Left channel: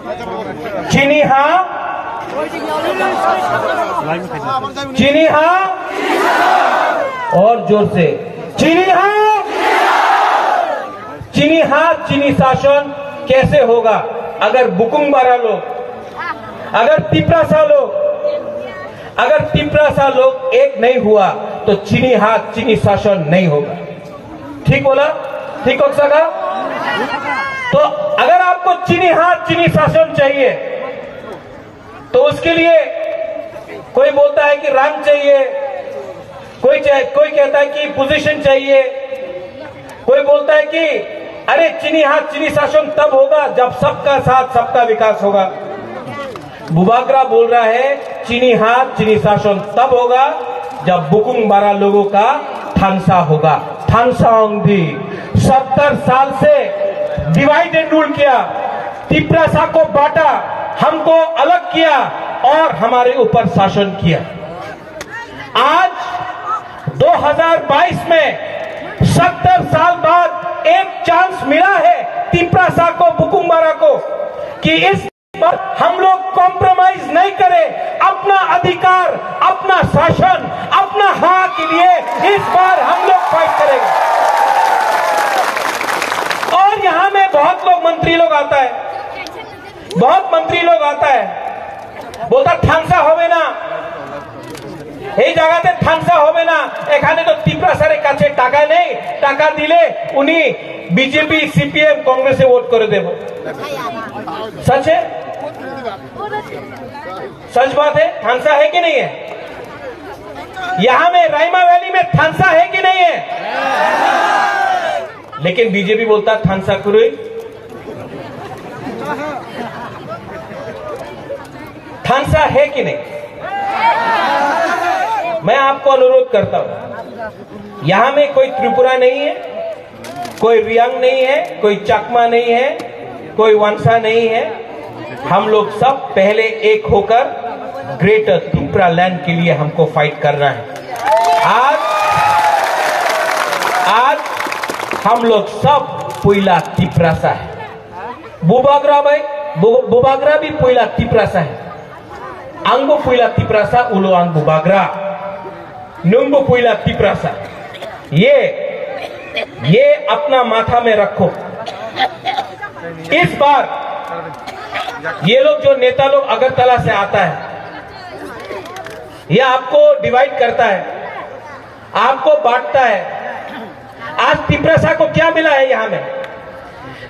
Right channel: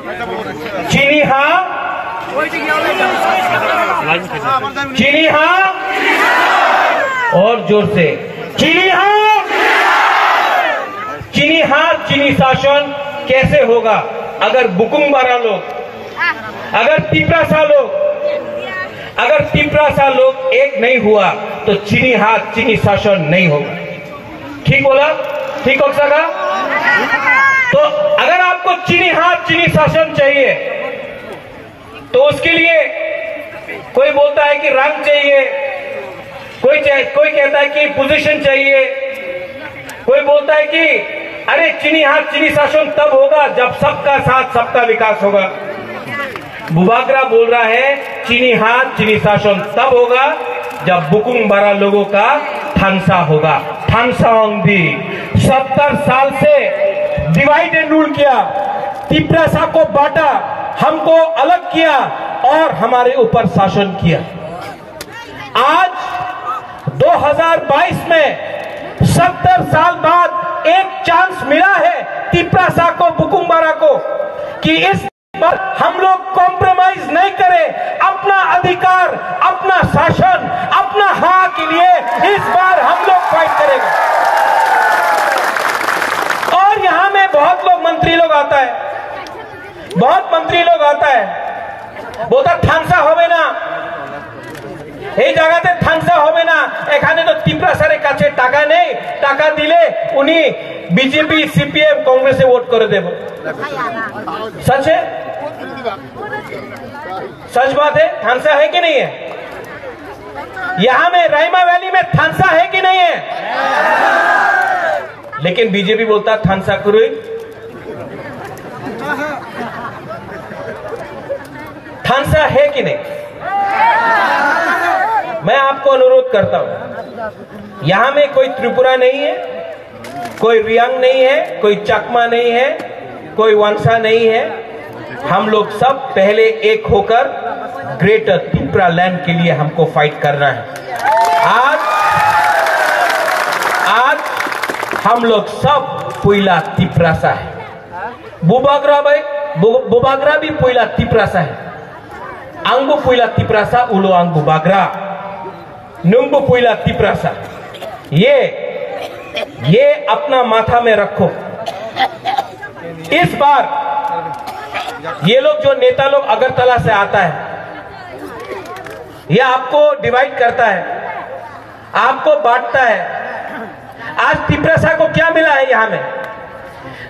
चीनी हाँ, चीनी हाँ, और जोर से चीनी हाँ, चीनी हाँ। चीनी शासन कैसे होगा अगर बुकुंगबारा लोग, अगर तिपरासा लोग एक नहीं हुआ तो चीनी हाथ चीनी शासन नहीं होगा। ठीक बोला? ठीक हो सका? तो अगर आपको चीनी हाथ चीनी शासन चाहिए तो उसके लिए कोई बोलता है कि रंग चाहिए, कोई कहता है कि पोजीशन चाहिए, कोई बोलता है कि अरे चीनी हाथ चीनी शासन तब होगा जब सबका साथ सबका विकास होगा। बुबागरा बोल रहा है चीनी हाथ चीनी शासन तब होगा जब बुकुंगबारा लोगों का थानसा होगा। थानसा ओंदी 70 साल से डिवाइड एंड रूल किया, तिपरासा को बांटा, हमको अलग किया और हमारे ऊपर शासन किया। आज 2022 में 70 साल बाद एक चांस मिला है तिपरासा को, बुकुंगबारा को, कि इस बार हम लोग कॉम्प्रोमाइज नहीं करें, अपना अधिकार, अपना शासन, अपना हक के लिए इस बार हम लोग फाइट करेंगे। और यहां में बहुत मंत्री लोग आता है, बोलता थानसा होवे ना, এই জায়গাতে থানসা হবে না, এখানে তো তিপরাসার কাছে টাকা নেই, টাকা দিলে উনি बीजेपी सीपीएम कांग्रेस से वोट कर देव। सच है, सच बात है। थानसा है कि नहीं है? यहां में रायमा वैली में थानसा है कि नहीं है? लेकिन बीजेपी बोलता थानसा करो। थानसा है कि नहीं? मैं आपको अनुरोध करता हूं, यहां में कोई त्रिपुरा नहीं है, कोई रियांग नहीं है, कोई चकमा नहीं है, कोई वंशा नहीं है। हम लोग सब पहले एक होकर ग्रेटर त्रिपुरा लैंड के लिए हमको फाइट करना है। आज हम लोग सब पुइला तिपरासा है। बुबागरा भी पुइला तिपरासा है। आंगो पुइला तिपरासा, उलो आंग बुबागरा, नुंगो पुइला तिपरासा। ये अपना माथा में रखो। इस बार ये लोग जो नेता लोग अगरतला से आता है, ये आपको डिवाइड करता है, आपको बांटता है। आज तिपरासा को क्या मिला है? यहां में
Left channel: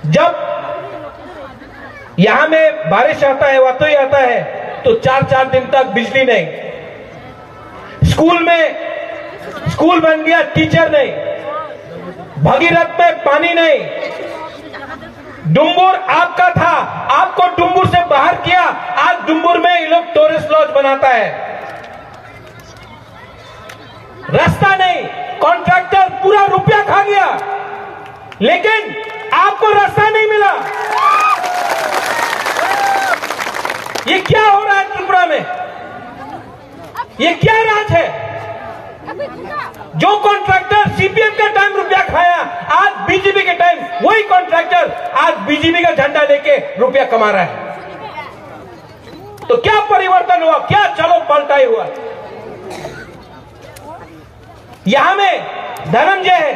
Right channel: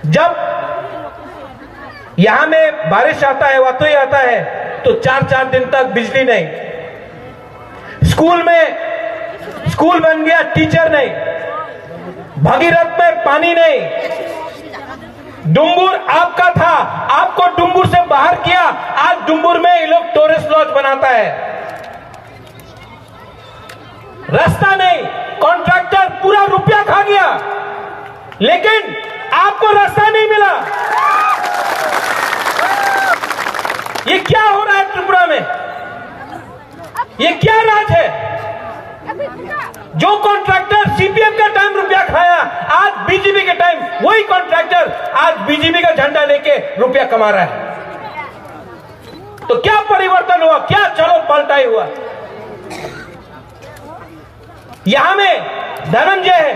जब यहां में बारिश आता है, वतोई आता है, तो 4-4 दिन तक बिजली नहीं, स्कूल बन गया, टीचर नहीं, भगीरथ में पानी नहीं, डुम्बुर आपका था, आपको डुम्बुर से बाहर किया, आज डुम्बुर में ये लोग टूरिस्ट लॉज बनाता है। रास्ता नहीं, कॉन्ट्रैक्टर पूरा रुपया खा गया, लेकिन आपको रास्ता नहीं मिला। ये क्या हो रहा है त्रिपुरा में? ये क्या राज है? जो कॉन्ट्रैक्टर सीपीएम का टाइम रुपया खाया, आज बीजेपी के टाइम वही कॉन्ट्रैक्टर आज बीजेपी का झंडा लेके रुपया कमा रहा है। तो क्या परिवर्तन हुआ? क्या चलो पलटाई हुआ? यहां में धनंजय है,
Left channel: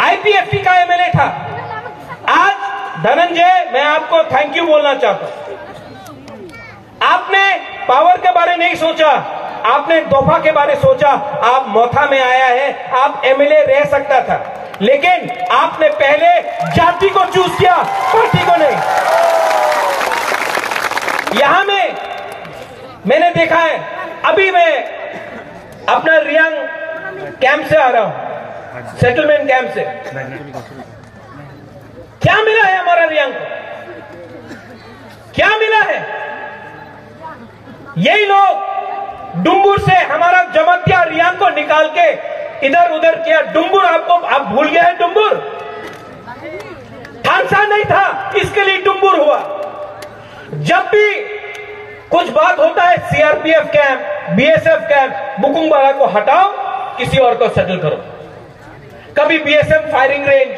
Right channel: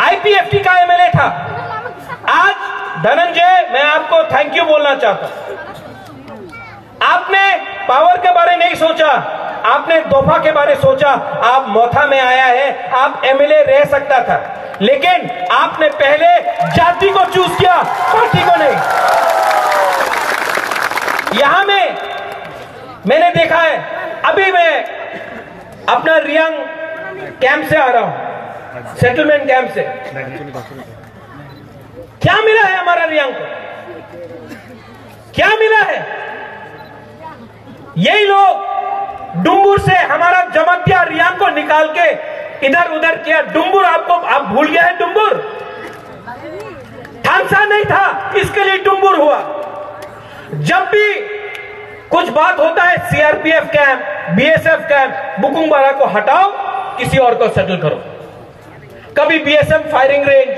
आईपीएफटी का एमएलए था। आज धनंजय, मैं आपको थैंक यू बोलना चाहता हूं। आपने पावर के बारे नहीं सोचा, आपने दफा के बारे सोचा। आप मोथा में आया है, आप एमएलए रह सकता था, लेकिन आपने पहले जाति को चूज किया, पार्टी को नहीं। यहां में मैंने देखा है, अभी मैं अपना रियांग कैंप से आ रहा हूं, सेटलमेंट कैंप से। क्या मिला है हमारा रियांग को? क्या मिला है? यही लोग डुम्बुर से हमारा जमतिया रियांग को निकाल के इधर उधर किया। डुम्बुर आपको आप भूल गए हैं? डुम्बुर थानसा नहीं था, इसके लिए डुम्बुर हुआ। जब भी कुछ बात होता है, सीआरपीएफ कैंप, बीएसएफ कैंप, बुकुंगबारा को हटाओ, किसी और को सेटल करो। कभी बीएसएफ फायरिंग रेंज,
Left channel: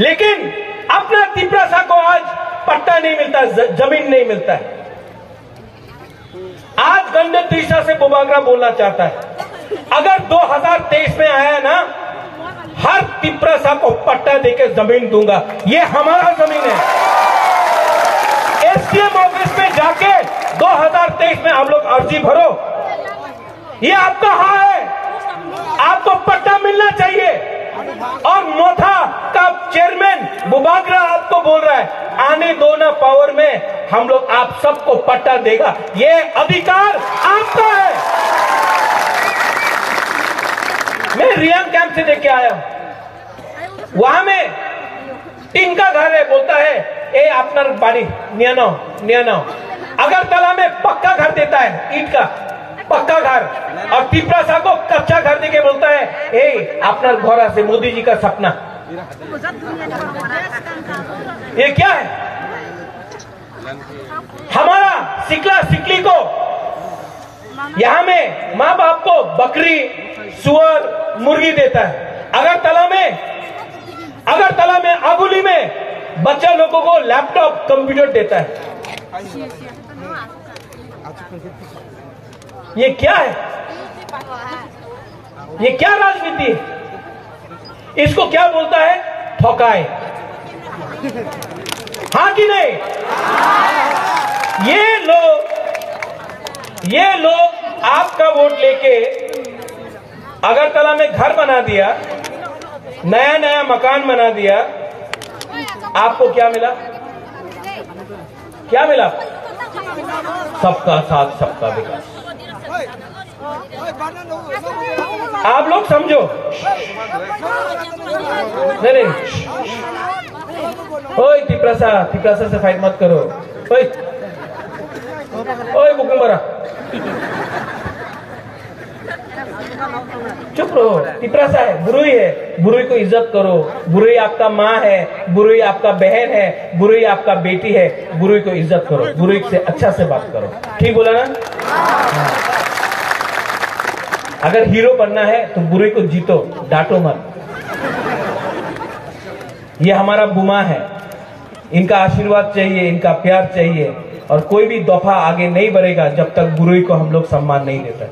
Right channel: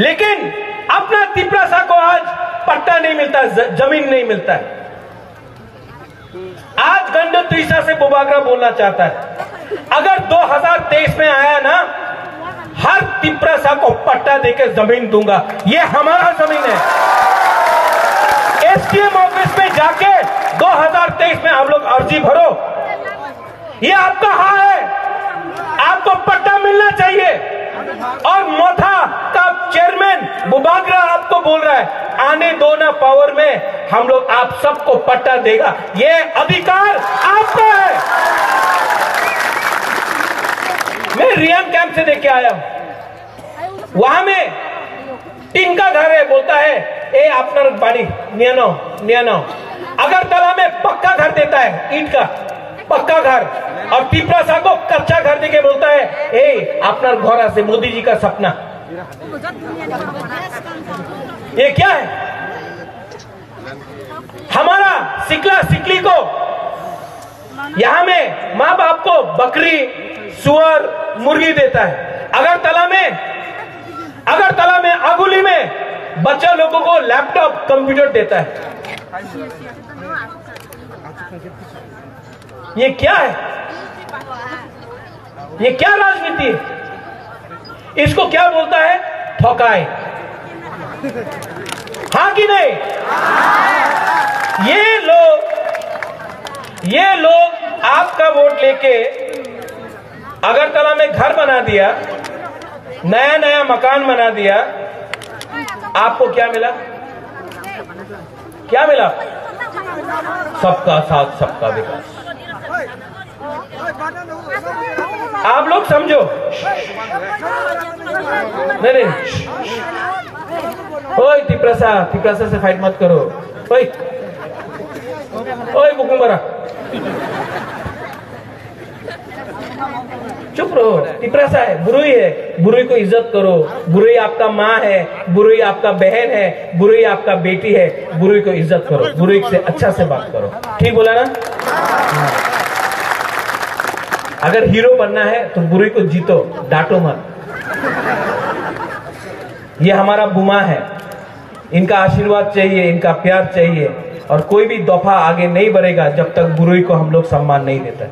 लेकिन अपना तिपरासा को आज का जमीन नहीं मिलता है। आज गंडू तीसरा से बुबागरा बोलना चाहता है, अगर 2023 में आया ना, हर तिपरासा को पट्टा देकर जमीन दूंगा। ये हमारा जमीन है। एसडीएम ऑफिस में जाके 2023 में आप लोग अर्जी भरो, ये आपका हाँ है, आपको पट्टा मिलना चाहिए। और मोथा का चेयरमैन बुबागरा आपको बोल रहा है, आने दो ना पावर में, हम लोग आप सबको पट्टा देगा। ये अधिकार आपका है। मैं रियांग कैंप से देख के आया हूं, वहां में टीन का घर है, बोलता है ए आपनर बाड़ी नियानो। अगरतला में पक्का घर देता है, ईंट का पक्का घर, और तिपरासा को कच्चा घर देके बोलता है ए अपना घर से मोदी जी का सपना। ये क्या है? हमारा सिकला सिकली को यहां में माँ बाप को बकरी सुअर मुर्गी देता है। अगरतला में अगुली में बच्चा लोगों को लैपटॉप कंप्यूटर देता है। ये क्या है? ये क्या राजनीति है? इसको क्या बोलता है? ठोकाए। हाँ कि नहीं? ये लोग आपका वोट लेके अगरतला में घर बना दिया, नया मकान बना दिया। आपको क्या मिला? क्या मिला? सबका साथ सबका विकास। आप लोग समझो। नहीं, ओए तिपरासा से फाइट मत करो। ओए बुकुम्बरा, चुप रहो। तिपरासा है, बुरुई है, बुरुई को इज्जत करो। बुरुई आपका माँ है, बुरुई आपका बहन है, बुरुई आपका बेटी है। बुरुई को इज्जत करो, बुरुई से अच्छा से बात करो। ठीक बोला ना? अगर हीरो बनना है तो बुरुई को जीतो, डांटो मत। ये हमारा बुमा है, इनका आशीर्वाद चाहिए, इनका प्यार चाहिए। और कोई भी दफा आगे नहीं बढ़ेगा जब तक बुरुई को हम लोग सम्मान नहीं देते।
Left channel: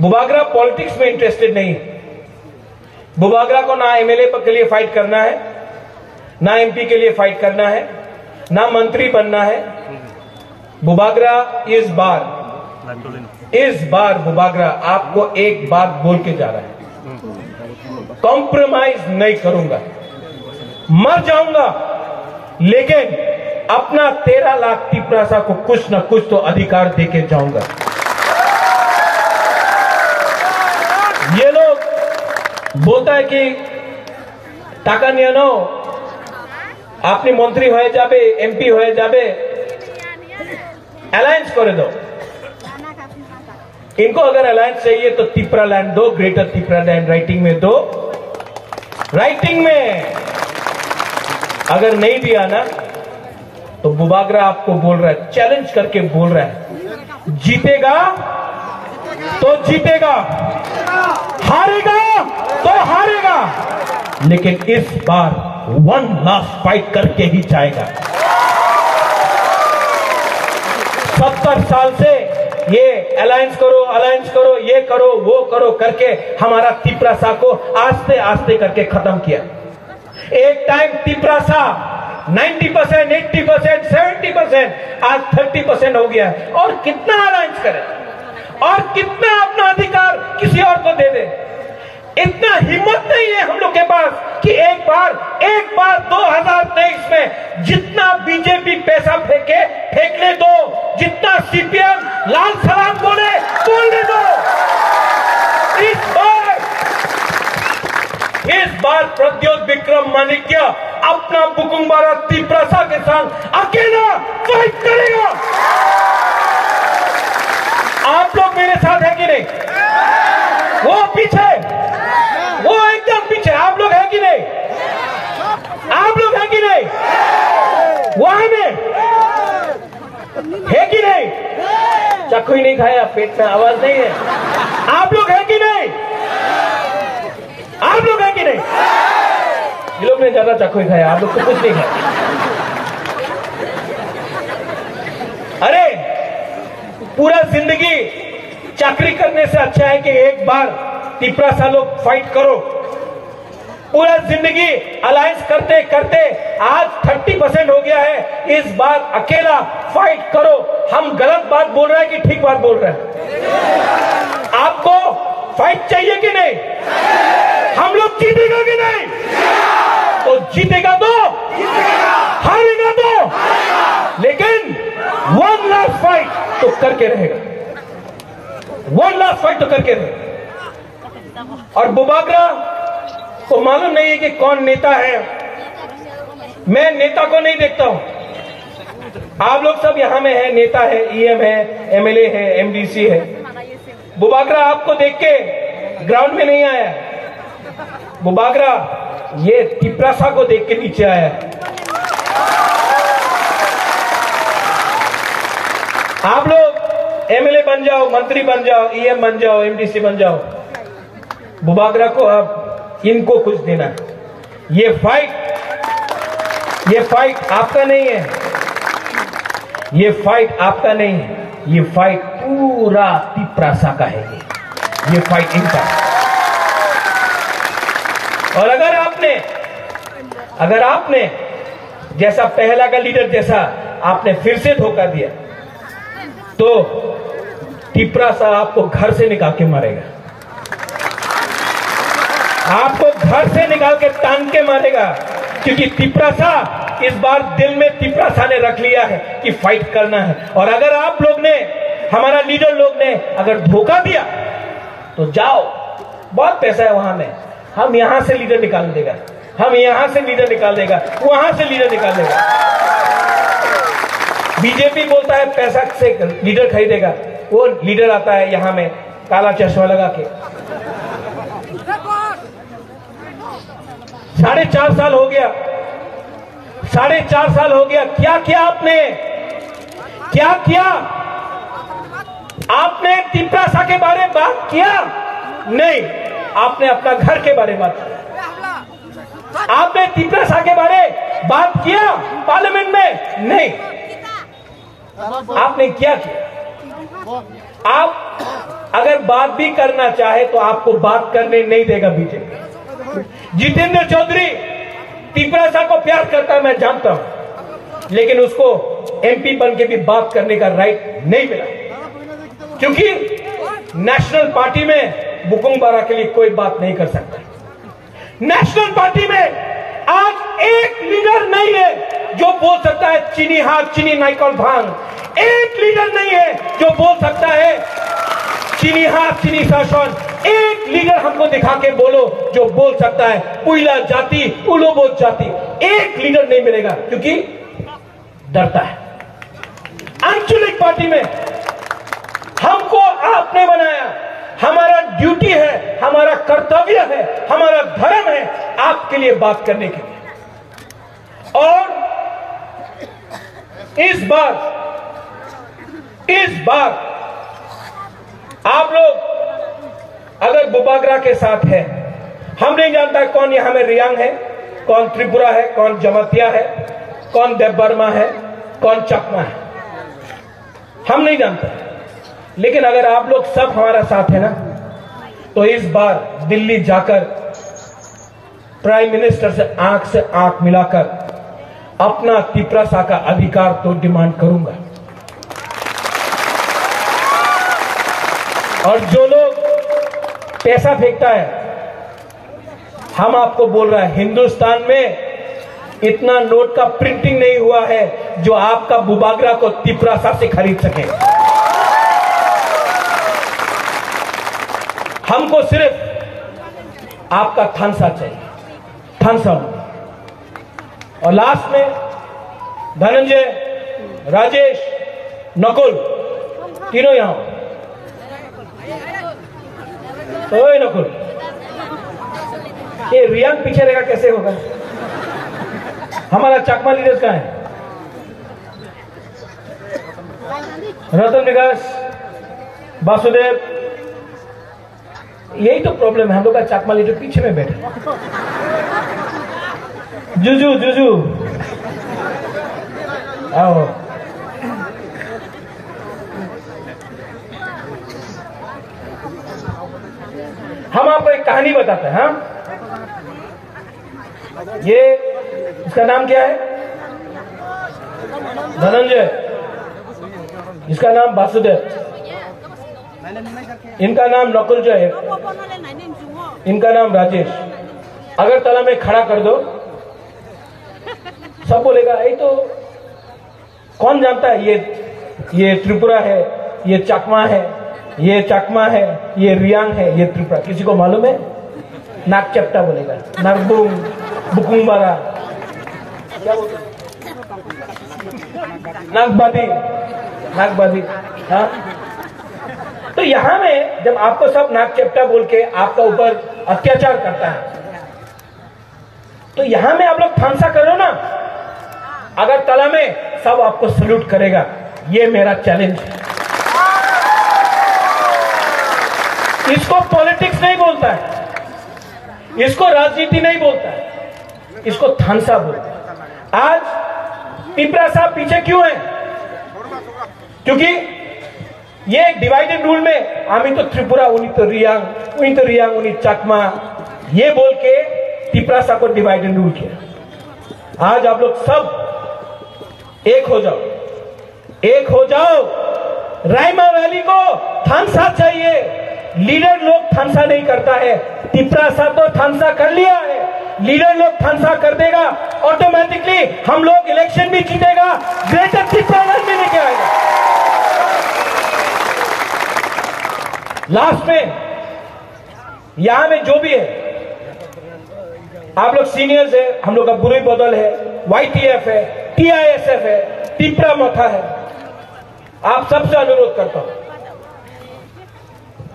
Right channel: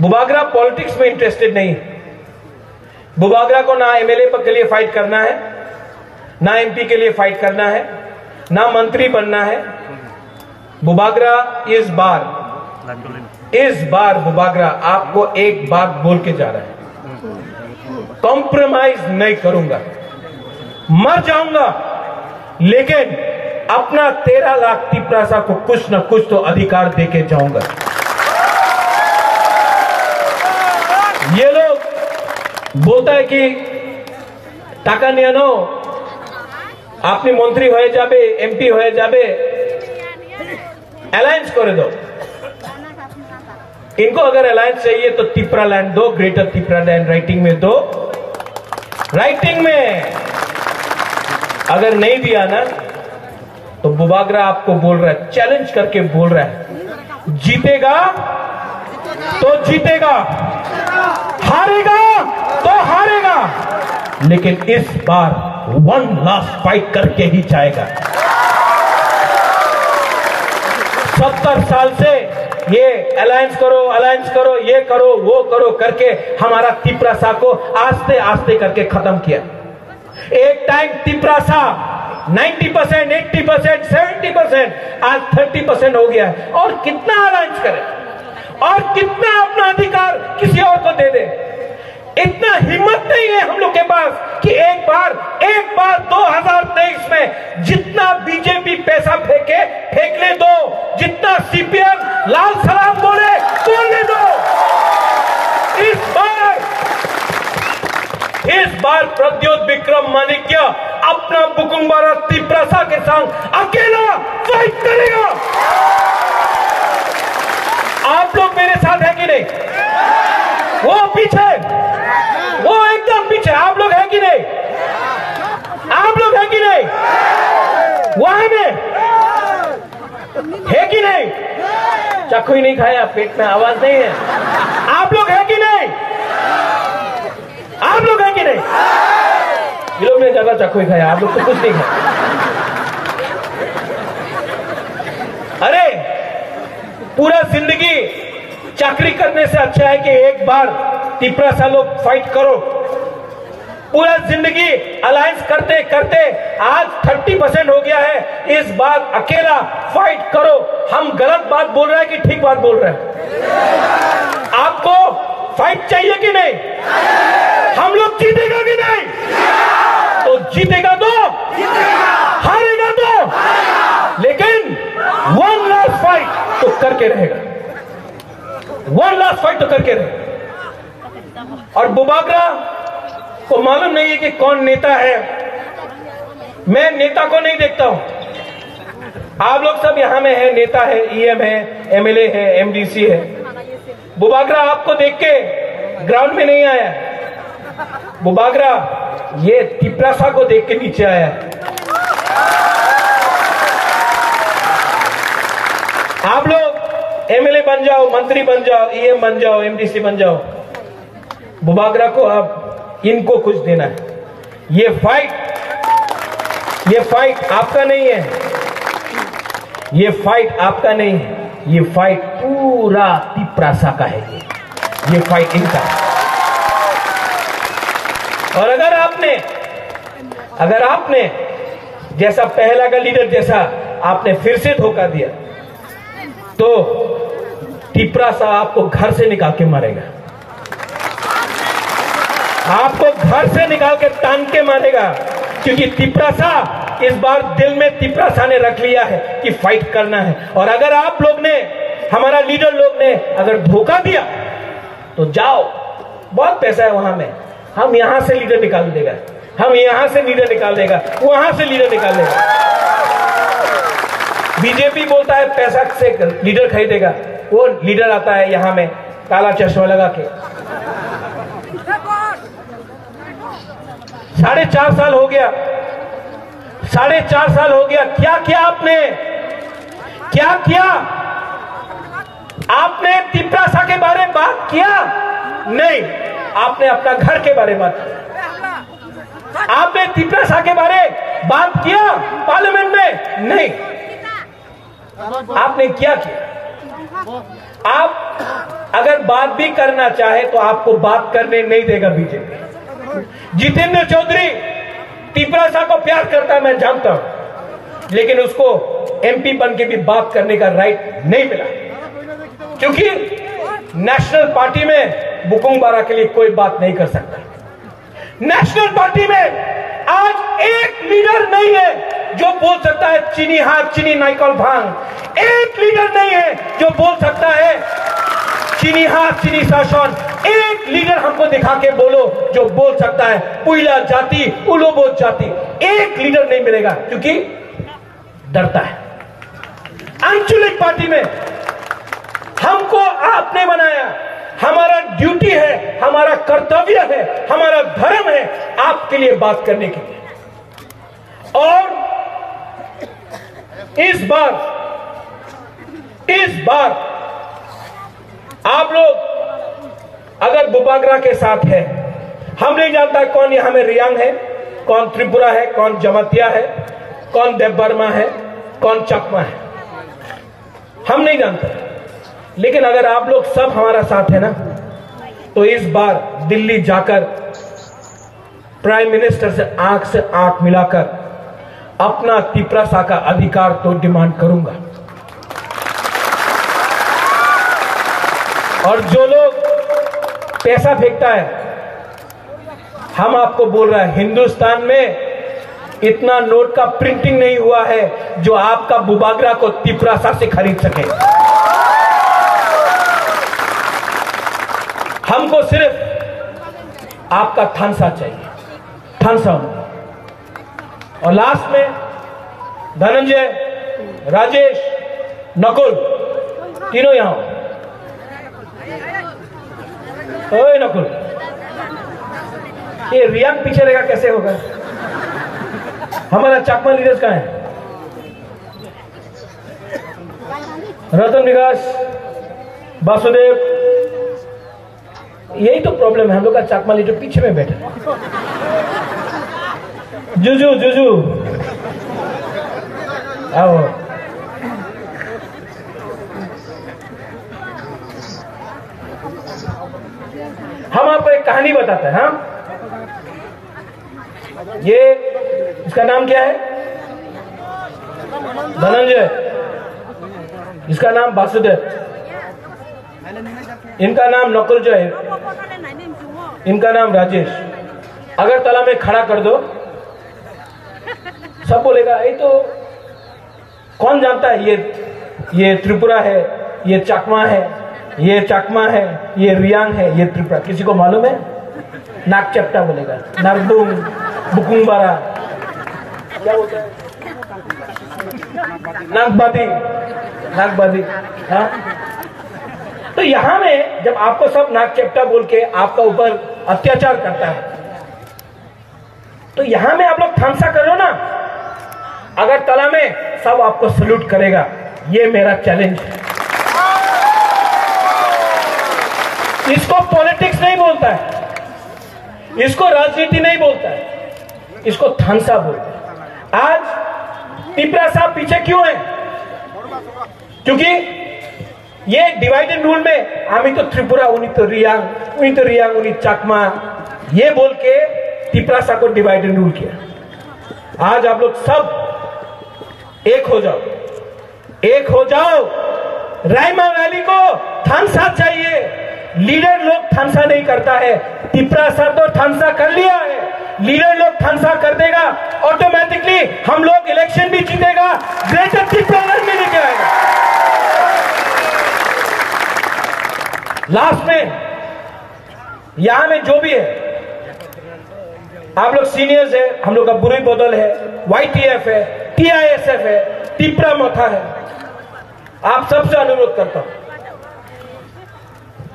बुबागरा पॉलिटिक्स में इंटरेस्टेड नहीं। बुबागरा को ना एमएलए के लिए फाइट करना है, ना एमपी के लिए फाइट करना है, ना मंत्री बनना है। बुबागरा इस बार बुबागरा आपको एक बात बोल के जा रहा है, कॉम्प्रोमाइज नहीं करूंगा। मर जाऊंगा लेकिन अपना 13 लाख तिपरासा को कुछ न कुछ तो अधिकार देके जाऊंगा। ये लोग बोलता है कि टाका नियनो अपनी मंत्री हो जाबे, एमपी हो जाबे, अलायंस कर दो। इनको अगर अलायंस चाहिए तो तिपरा लैंड दो, ग्रेटर तिपरा लैंड राइटिंग में दो। राइटिंग में अगर नहीं दिया ना तो बुबागरा आपको बोल रहा है, चैलेंज करके बोल रहा है, जीतेगा तो जीतेगा, हारेगा तो हारेगा, लेकिन इस बार 1 लास्ट फाइट करके ही जाएगा। 70 साल से ये अलायंस करो, ये करो, वो करो करके हमारा तिपरासा को आस्ते आस्ते करके खत्म किया। एक टाइम तिपरासा 90%, 80%, 70%, आज 30% हो गया है। और कितना अलायंस करे और कितना अपना अधिकार किसी और को दे दे। इतना हिम्मत नहीं है हम लोग के पास कि एक बार 2023 में जितना बीजेपी पैसा फेंक ले दो, जितना सीपीएम लाल सलाम बोलने दो। इस बार प्रद्योत विक्रम माणिक्य अपना बुकुम्बारा तिपरासा के साथ अकेला फाइट करेगा। आप लोग मेरे साथ है कि नहीं? वो पीछे, वो एकदम पीछे। आप लोग है कि नहीं? आप लोग है कि नहीं? वहां में है कि नहीं? चाकू ही नहीं खाया, पेट में आवाज नहीं है। आप लोग है कि नहीं? आप लोग है कि नहीं? ये लोग ने ज्यादा चाकू ही खाया, आप लोग तो कुछ नहीं खाया। पूरा जिंदगी चाकरी करने से अच्छा है कि एक बार तिपरासा लोग फाइट करो। पूरा जिंदगी अलायंस करते करते आज 30% हो गया है, इस बार अकेला फाइट करो। हम गलत बात बोल रहे हैं कि ठीक बात बोल रहे हैं? आपको फाइट चाहिए कि नहीं? हम लोग जीतेगा कि नहीं? तो जीतेगा तो, हारेगा तो, लेकिन वन लास्ट फाइट तो करके रहेगा, वन लास्ट फाइट तो करके रहेगा। और बुबागरा को मालूम नहीं है कि कौन नेता है। मैं नेता को नहीं देखता हूं। आप लोग सब यहां में है, नेता है, ईएम है, एमएलए है, एमडीसी है। बुबागरा आपको देख के ग्राउंड में नहीं आया। बुबागरा ये तिपरासा को देख के नीचे आया है। आप लोग एमएलए बन जाओ, मंत्री बन जाओ, ईएम बन जाओ, एमडीसी बन जाओ, बुबागरा को अब इनको कुछ देना है। ये फाइट आपका नहीं है, ये फाइट आपका नहीं है, ये फाइट पूरा तिपरासा का है। ये फाइट इनका है। और अगर आपने जैसा पहला का लीडर जैसा आपने फिर से धोखा दिया तो तिपरासा आपको घर से निकाल के मारेगा, आपको घर से निकाल के टांग के मारेगा। क्योंकि तिपरासा इस बार दिल में तिपरासा ने रख लिया है कि फाइट करना है। और अगर आप लोग ने, हमारा लीडर लोग ने अगर धोखा दिया तो जाओ, बहुत पैसा है वहां में, हम यहां से लीडर निकाल देगा, हम यहां से लीडर निकाल देगा, वहां से लीडर निकाल देगा। बीजेपी बोलता है पैसा से लीडर खरीदेगा, वो लीडर आता है यहां में काला चश्मा लगा के। 4.5 साल हो गया, 4.5 साल हो गया। क्या किया आपने? क्या किया आपने? तिपरासा के बारे में बात किया? नहीं, आपने अपना घर के बारे में बात किया। आपने तिपरासा के बारे में बात किया पार्लियामेंट में? नहीं। आपने क्या किया? आप अगर बात भी करना चाहे तो आपको बात करने नहीं देगा बीजेपी। जितेंद्र चौधरी तिपरासा को प्यार करता है, मैं जानता हूं, लेकिन उसको एमपी बन के भी बात करने का राइट नहीं मिला। क्योंकि नेशनल पार्टी में बुकुंग बारा के लिए कोई बात नहीं कर सकता। नेशनल पार्टी में आज एक लीडर नहीं है जो बोल सकता है चीनी हाथ चीनी नाइकल भांग। एक लीडर नहीं है जो बोल सकता है चीनी हाथ चीनी शासन। एक लीडर हमको दिखा के बोलो जो बोल सकता है पुइला जाति उलोबो जाति। एक लीडर नहीं मिलेगा क्योंकि डरता है। आंचलिक पार्टी में हमको आपने बनाया, हमारा ड्यूटी है, हमारा कर्तव्य है, हमारा धर्म है आपके लिए बात करने के लिए। और इस बार आप लोग अगर बुबागरा के साथ है, हम नहीं जानता कौन यहां में रियांग है, कौन त्रिपुरा है, कौन जमातिया है, कौन देवबर्मा है, कौन चकमा है, हम नहीं जानते। लेकिन अगर आप लोग सब हमारा साथ है ना, तो इस बार दिल्ली जाकर प्राइम मिनिस्टर से आंख मिलाकर अपना तिपरासा का अधिकार तो डिमांड करूंगा। और जो लोग पैसा फेंकता है, हम आपको बोल रहे हैं हिंदुस्तान में इतना नोट का प्रिंटिंग नहीं हुआ है जो आपका बुबागरा को तिपरासा से खरीद सके। हमको सिर्फ आपका थानसा चाहिए, थानसा। और लास्ट में धनंजय, राजेश, नकुल, तीनों यहां। ओए नकुल, ये रियांग पीछे रहेगा कैसे होगा? हमारा चकमा लीडर्स कहां है? रतन विकास, वासुदेव, यही तो प्रॉब्लम है। हम लोग का चकमा लीडर पीछे में बैठे। जुजू आओ। बताता है। हाँ, ये इसका नाम क्या है? धनंजय, इसका नाम वासुदेव, इनका नाम नकुलजय है, इनका नाम राजेश। अगर तला में खड़ा कर दो, सब बोलेगा ये तो कौन जानता है, ये त्रिपुरा है, ये चाकमा है, ये चाकमा है, ये रियांग है, ये त्रिपुरा। किसी को मालूम है? नागचप्टा बोलेगा, नागदुम, बुकुंबारा, क्या बोलता है? नागबादी, नागबादी। हाँ, तो यहां में जब आपको सब नागचप्टा बोल के आपका ऊपर अत्याचार करता है, तो यहां में आप लोग थामसा करो ना। अगर तला में सब आपको सल्यूट करेगा, ये मेरा चैलेंज है। इसको पॉलिटिक्स नहीं बोलता है, इसको राजनीति नहीं बोलता है, इसको थानसा बोलता है। आज पिपरा साहब पीछे क्यों है? क्योंकि ये डिवाइडेड रूल में आमी तो त्रिपुरा, उन्हीं तो रियांग, उन्हीं चाकमा, ये बोल के पिपरा साहब को डिवाइडेड रूल किया। आज आप लोग सब एक हो जाओ, एक हो जाओ। रायमा वैली को थानसा चाहिए। लीडर लोग थानसा नहीं करता है, पिपरा साहब तो थानसा कर लिया है। लीडर लोग थानसा कर देगा, ऑटोमेटिकली हम लोग इलेक्शन भी जीतेगा, ग्रेटर त्रिपुरा भी लेके आएगा। लास्ट में यहां में जो भी है, आप लोग सीनियर्स है, हम लोग का बुरी बोतल है, YTF है, TISF है, टिपरा मोथा है। आप सबसे अनुरोध करता हूं,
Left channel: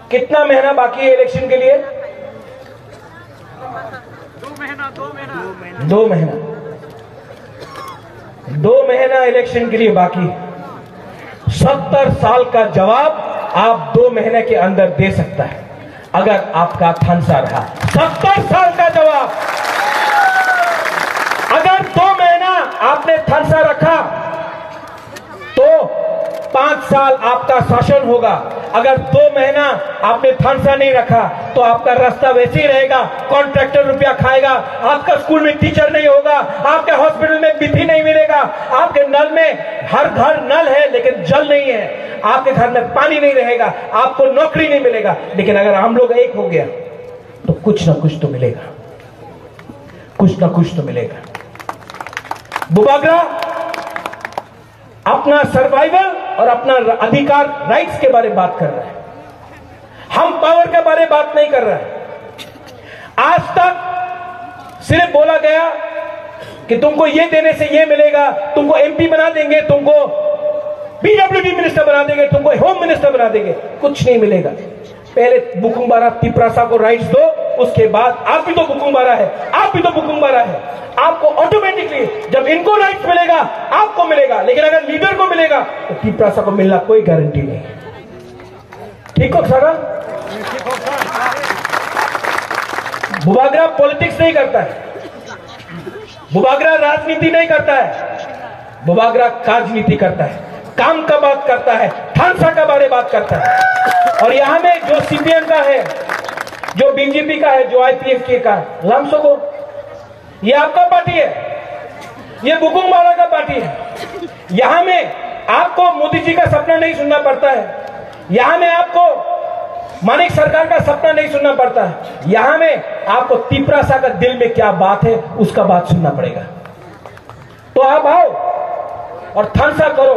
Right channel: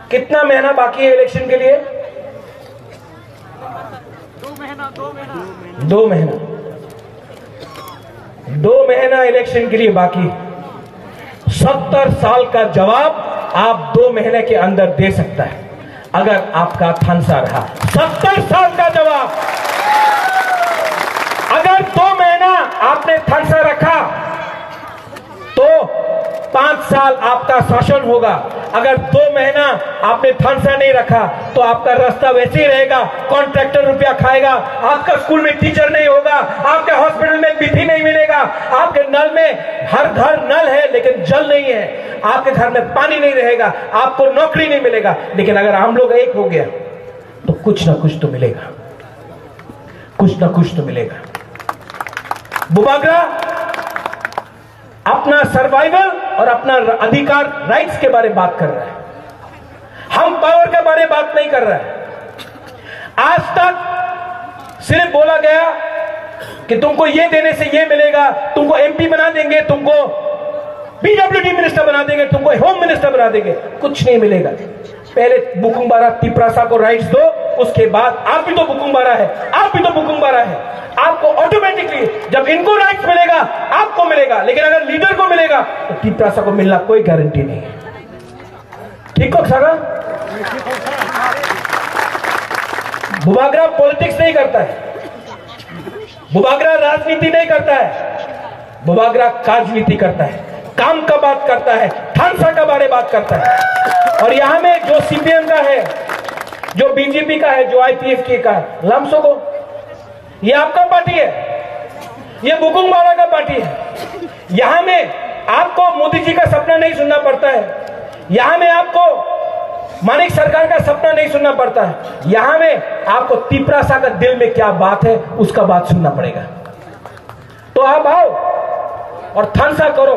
कितना महीना बाकी है इलेक्शन के लिए? 2 महीना इलेक्शन के लिए बाकी। 70 साल का जवाब आप 2 महीने के अंदर दे सकता है अगर आपका थानसा रहा। 70 साल का जवाब। अगर 2 महीना आपने थानसा रखा तो 5 साल आपका शासन होगा। अगर 2 महीना आपने थानसा नहीं रखा तो आपका रास्ता वैसे ही रहेगा, कॉन्ट्रैक्टर रुपया खाएगा, आपका स्कूल में टीचर नहीं होगा, आपके हॉस्पिटल में विधि नहीं मिलेगा, आपके नल में, हर घर नल है लेकिन जल नहीं है, आपके घर में पानी नहीं रहेगा, आपको नौकरी नहीं मिलेगा। लेकिन अगर हम लोग एक हो गया तो कुछ ना कुछ तो मिलेगा, कुछ ना कुछ तो मिलेगा। बुबागरा अपना सर्वाइवल और अपना अधिकार, राइट्स के बारे में बात कर रहा है। हम पावर के बारे में बात नहीं कर रहा है। आज तक सिर्फ बोला गया कि तुमको ये देने से ये मिलेगा, तुमको MP बना देंगे, तुमको PWD मिनिस्टर बना देंगे, तुमको होम मिनिस्टर बना देंगे। कुछ नहीं मिलेगा। पहले बुकुंबारा तिपरासा को राइट्स दो, उसके बाद आप भी तो बुकुंबारा है, आप भी तो बुकुंबारा है। आपको ऑटोमेटिकली जब इनको राइट्स मिलेगा आपको मिलेगा, लेकिन अगर लीडर को मिलेगा तो तिपरासा को मिलना कोई गारंटी नहीं है। ठीक हो सारा? बुबागरा पॉलिटिक्स नहीं करता है, बुबागरा राजनीति नहीं करता है, बुबागरा राजनीति करता है, काम का बात करता है, थानसा का बारे बात करता है। और यहां में जो CPM का है, जो BJP का है, जो IPF का, लामसो को, ये आपका पार्टी है, ये बुकुंबारा का पार्टी है। यहां में आपको मोदी जी का सपना नहीं सुनना पड़ता है, यहां में आपको मानिक सरकार का सपना नहीं सुनना पड़ता है, यहां में आपको तिपरासा का दिल में क्या बात है उसका बात सुनना पड़ेगा। तो आप आओ और थानसा करो।